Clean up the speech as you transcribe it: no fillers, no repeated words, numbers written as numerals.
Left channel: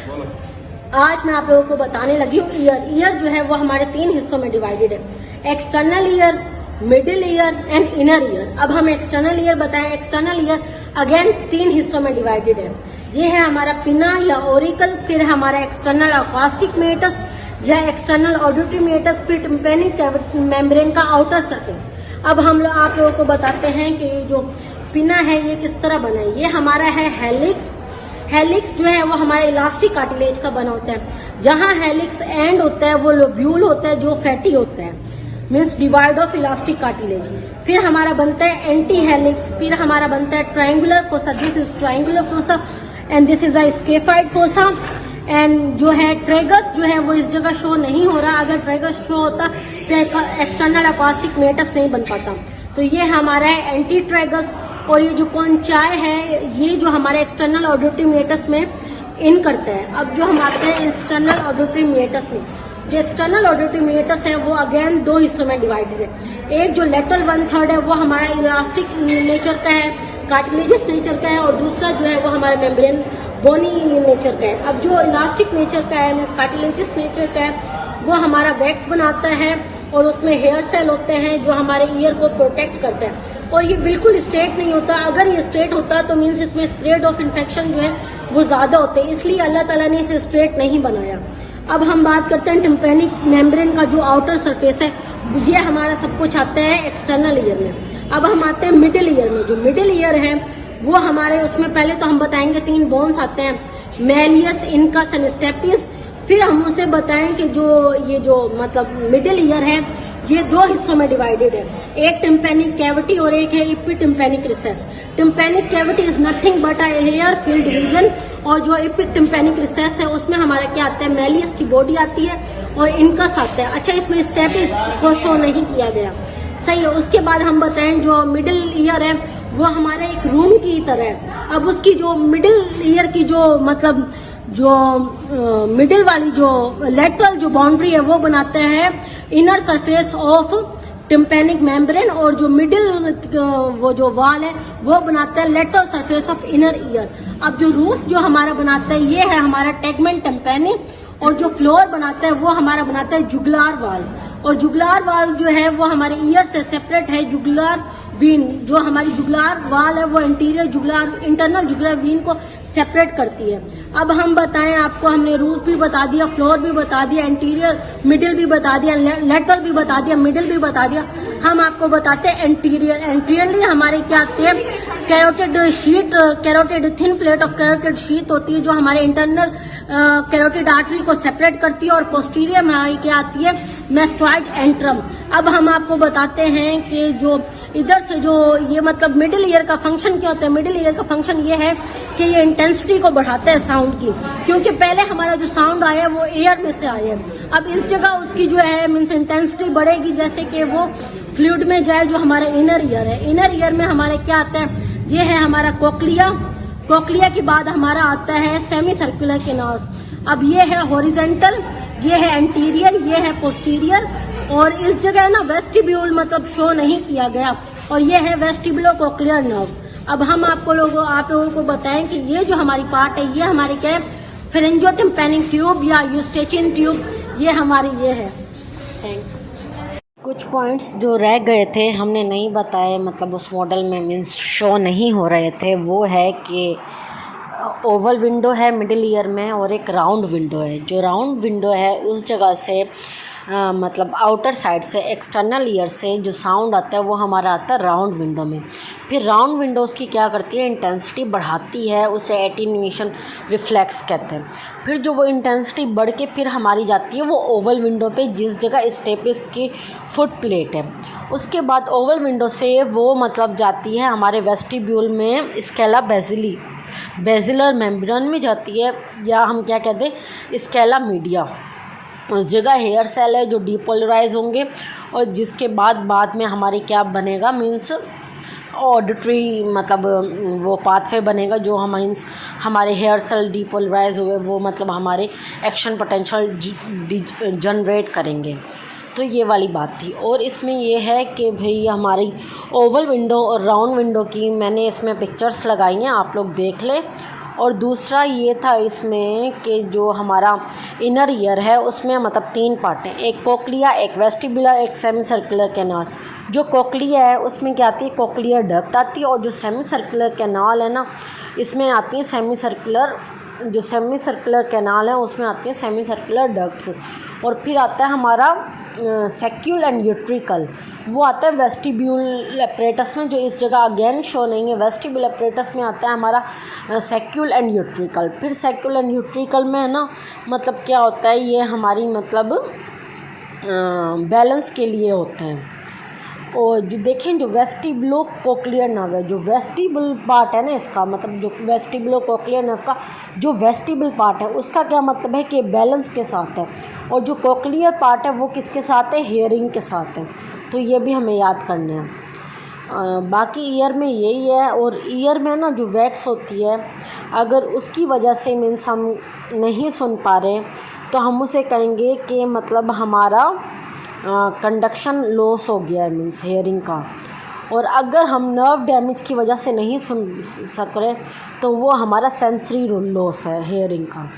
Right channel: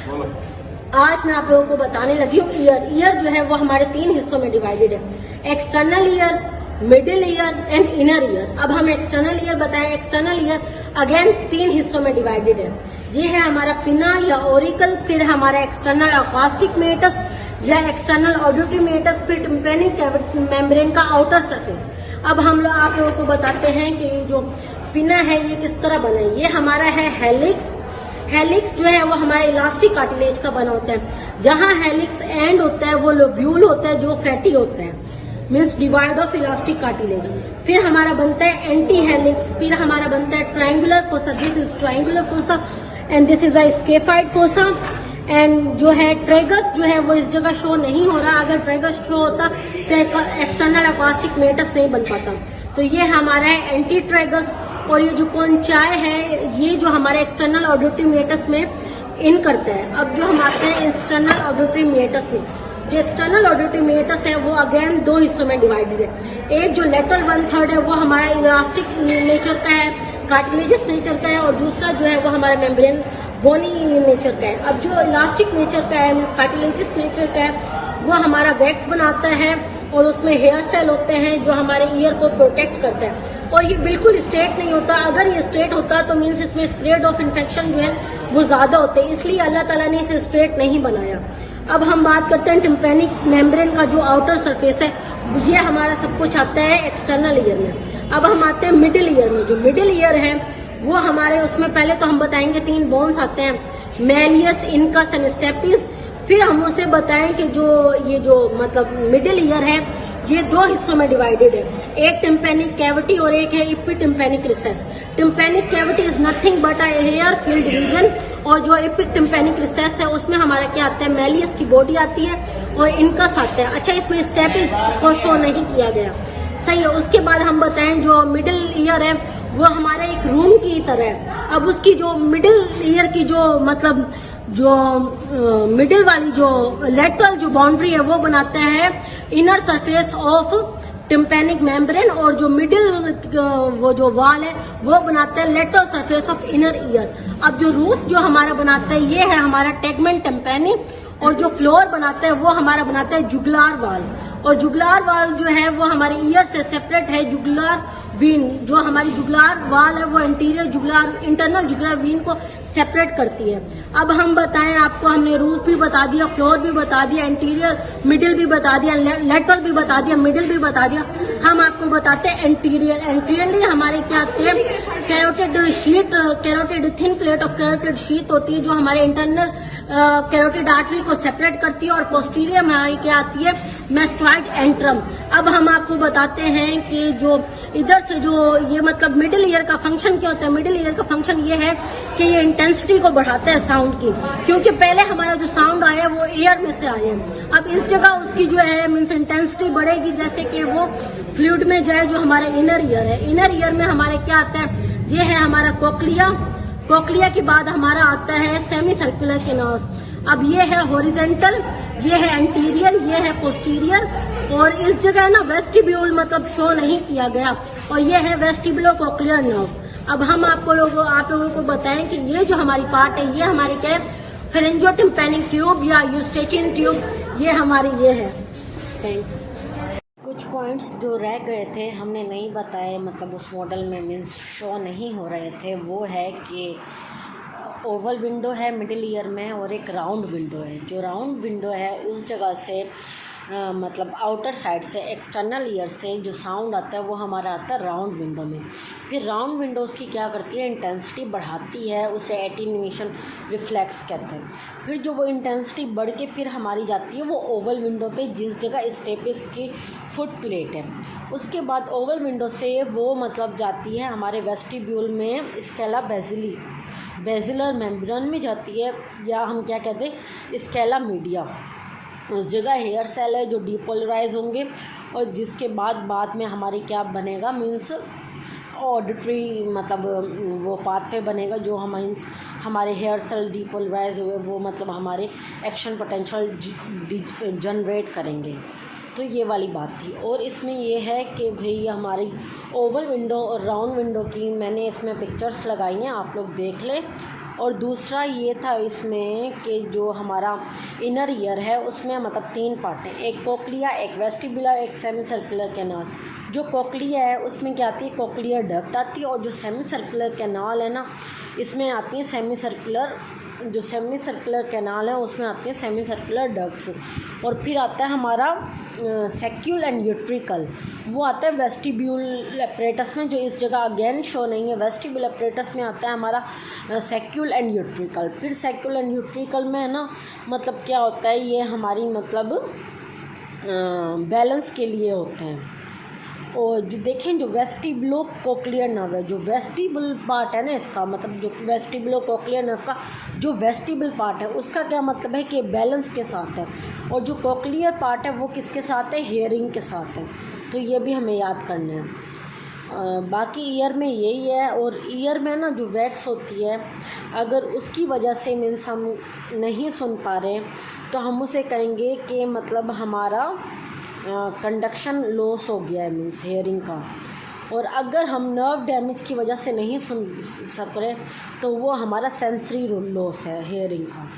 आज मैं आप लोगों को बताने लगी हूँ ईयर जो है वो हमारे 3 हिस्सों में डिवाइडेड है, external ear, middle ear and inner ear. अब हम एक्सटर्नल ईयर बताएं। एक्सटर्नल ईयर अगेन 3 हिस्सों में डिवाइडेड है। ये है हमारा पिना या ओरिकल, फिर हमारा एक्सटर्नल अकॉस्टिक मेटस या एक्सटर्नल ऑडिटरी मेटस, फिर टिम्पैनिक मेम्ब्रेन का आउटर सरफेस। अब हम लोग आप लोगों को बताते हैं कि जो पिना है ये किस तरह बना है। ये हमारा है हेलिक्स। हेलिक्स जो है वो हमारे इलास्टिक कार्टिलेज का बना होता है। जहां हेलिक्स एंड होता है वो लोब्यूल होता है जो फैटी होता है, means divide of elastic cartilage. फिर हमारा बनता है एंटी हेलिक्स, फिर हमारा बनता है triangular fossa. This is triangular fossa and this is a scaphoid fossa. And जो है ट्रेगस जो है वो इस जगह शो नहीं हो रहा। अगर ट्रेगस शो होता तो एक्सटर्नल अकॉस्टिक मेटस नहीं बन पाता। तो ये हमारा है एंटी ट्रेगस। और ये जो कौनचाई है ये जो हमारे एक्सटर्नल ऑडिटरी मेटस में इन करता है। अब जो हमारे एक्सटर्नल ऑडिटरी मेटस में जो एक्सटर्नल ऑडिटरी मेटस है वो अगेन 2 हिस्सों में डिवाइडेड है। एक जो लेटरल 1/3 है वो हमारा इलास्टिक नेचर का है, कार्टिलेजियस नेचर का है, और दूसरा जो है वो हमारा मेम्ब्रेन बोनी नेचर का है। अब जो इलास्टिक नेचर का है मीन्स कार्टिलेजियस नेचर का है वो हमारा वैक्स बनाता है और उसमें हेयर सेल होते हैं जो हमारे ईयर को प्रोटेक्ट करता है। और ये बिल्कुल स्ट्रेट नहीं होता। अगर ये स्ट्रेट होता तो मीन्स इसमें स्प्रेड ऑफ इन्फेक्शन जो है वो ज्यादा होते हैं, इसलिए अल्लाह ताला ने इसे स्ट्रेट नहीं बनाया। अब हम बात करते हैं टिम्पैनिक मेम्ब्रेन का जो आउटर सरफेस है, ये हमारा सब कुछ आता है एक्सटर्नल ईयर में। अब हम आते हैं मिडिल ईयर में। जो मिडिल ईयर है वो हमारे उसमें पहले तो हम बताएंगे 3 बोन्स आते हैं, मैलियस, इनकस एंड स्टेपिस। फिर हम उसे बताएं कि ये जो मतलब मिडिल ईयर है ये 2 हिस्सों में डिवाइडेड है, एक टिम्पैनिक कैविटी और एक है epitympanic recess. Tympanic cavity is nothing but a air filled region, और जो इपिटिम्पैनिक रिसेस है उसमें हमारा क्या आता है, मैलियस की बॉडी आती है और इनकस आता है। अच्छा, इसमें स्टेपिस को शो नहीं किया गया, सही है। उसके बाद हम बताएं जो मिडिल ईयर है वो हमारा एक रूम की तरह है। अब उसकी जो मिडिल ईयर की जो मतलब जो मिडिल वाली जो लेटरल जो बाउंड्री है वो बनाते हैं inner surface of tympanic membrane, और जो मिडिल वो जो वॉल है वो बनाता है lateral surface of inner ear. अब जो रूफ जो हमारा बनाता है ये है हमारा टेगमेंट टिम्पैनिक, और जो फ्लोर बनाता है वो हमारा बनाता है जुगुलार वाल। और जुगुलार वाल जो है वो हमारे ईयर से सेपरेट है। जुगुलार वीन जो हमारी जुगुलार वाल है वो इंटरनल जुगुलार वीन को सेपरेट करती है। अब हम बताएं आपको, हमने रूफ भी बता दिया, फ्लोर भी बता दिया, इंटीरियर मिडिल भी बता दिया, लेटरल भी बता दिया, मिडिल भी बता दिया। हम आपको बताते हैं एंटीरियर। एंटीरियरली हमारी क्या आती है, carotid sheet, carotid thin plate of carotid sheet होती है जो हमारे इंटरनल कैरोटिड आर्टरी को सेपरेट करती है, और पोस्टीरियर में हमारी क्या आती है, मेस्ट्रॉइड एंट्रम। अब हम आपको बताते हैं कि जो इधर से जो ये मतलब मिडिल ईयर का फंक्शन क्या होता है। मिडिल ईयर का फंक्शन ये है कि ये इंटेंसिटी को बढ़ाता है साउंड की, क्योंकि पहले हमारा जो साउंड आया वो एयर में से आया। अब इस जगह उसकी जो है मीन्स इंटेंसिटी बढ़ेगी जैसे कि वो फ्लूइड में जाए जो हमारा इनर ईयर है। इनर ईयर में हमारे क्या आता है, ये है हमारा कोक्लिया। कोक्लिया के बाद हमारा आता है सेमी सर्कुलर केनोस। अब ये है हॉरिजेंटल, ये है एंटीरियर, ये है पोस्टीरियर, और इस जगह ना वेस्टिब्यूल मतलब शो नहीं किया गया, और ये है वेस्टिबुलो कोक्लियर नर्व। अब हम आप लोगों को बताएं कि ये जो हमारी पार्ट है ये हमारी क्या है, फेरेंजियोटिम्पैनिक ट्यूब या यूस्टेचियन ट्यूब, ये हमारी ये है। थैंक्स। कुछ पॉइंट्स जो रह गए थे हमने नहीं बताए, मतलब उस मॉडल में मीन्स शो नहीं हो रहे थे, वो है कि ओवल विंडो है मिडिल ईयर में और एक राउंड विंडो है। जो राउंड विंडो है उस जगह से मतलब आउटर साइड से एक्सटर्नल ईयर से जो साउंड आता है वो हमारा आता है राउंड विंडो में। फिर राउंड विंडो उसकी क्या करती है, इंटेंसिटी बढ़ाती है, उसे एटीन्यूएशन रिफ्लेक्स कहते हैं। फिर जो वो इंटेंसिटी बढ़ के फिर हमारी जाती है वो ओवल विंडो पे जिस जगह स्टेपिस की फुट प्लेट है। उसके बाद ओवल विंडो से वो मतलब जाती है हमारे वेस्टिब्यूल में स्केला बेसिली, बेसिलर मेम्ब्रेन में जाती है, या हम क्या कहते हैं स्केला मीडिया। उस जगह हेयर सेल है जो डीपोलराइज होंगे, और जिसके बाद में हमारे क्या बनेगा मीन्स ऑडिटरी मतलब वो पाथवे बनेगा जो हमारे हेयर सेल डीपोलराइज हुए वो मतलब हमारे एक्शन पोटेंशियल जनरेट करेंगे। तो ये वाली बात थी। और इसमें ये है कि भाई हमारी ओवल विंडो और राउंड विंडो की मैंने इसमें पिक्चर्स लगाई हैं, आप लोग देख लें। और दूसरा ये था इसमें कि जो हमारा इनर ईयर है उसमें मतलब 3 पार्ट हैं, एक कोक्लिया, एक वेस्टिबुलर, एक सेमी सर्कुलर कैनाल। जो कोक्लिया है उसमें क्या आती है, कोक्लियर डक्ट आती है, और जो सेमी सर्कुलर कैनाल है ना, इसमें आती है सेमी सर्कुलर कैनाल है उसमें आती है सेमी सर्कुलर डक्ट्स। और फिर आता है हमारा सेक्यूल एंड यूट्रिकल, वो आता है वेस्टिब्यूल एपरेटस में, जो इस जगह अगेन शो नहीं है। वेस्टिब्यूल एपरेटस में आता है हमारा सेक्यूल एंड यूट्रिकल। फिर सेक्यूल एंड यूट्रिकल में है ना, मतलब क्या होता है, ये हमारी मतलब बैलेंस के लिए होते हैं। और जो देखें, जो वेस्टिबुलो कोक्लियर नर्व है, जो वेस्टिबल पार्ट है ना इसका, मतलब जो वेस्टिबुलो कोक्लियर नर्व का जो वेस्टिबल पार्ट है उसका क्या मतलब है कि बैलेंस के साथ है, और जो कोक्लियर पार्ट है वो किसके साथ है, हेयरिंग के साथ है। तो ये भी हमें याद करने हैं। बाकी ईयर में यही है। और ईयर में ना जो वैक्स होती है, अगर उसकी वजह से मीन्स हम नहीं सुन पा रहे तो हम उसे कहेंगे कि मतलब हमारा कंडक्शन लॉस हो गया है, मीन्स हेयरिंग का। और अगर हम नर्व डैमेज की वजह से नहीं सुन सक रहे तो वो हमारा सेंसरी लॉस है हेयरिंग का।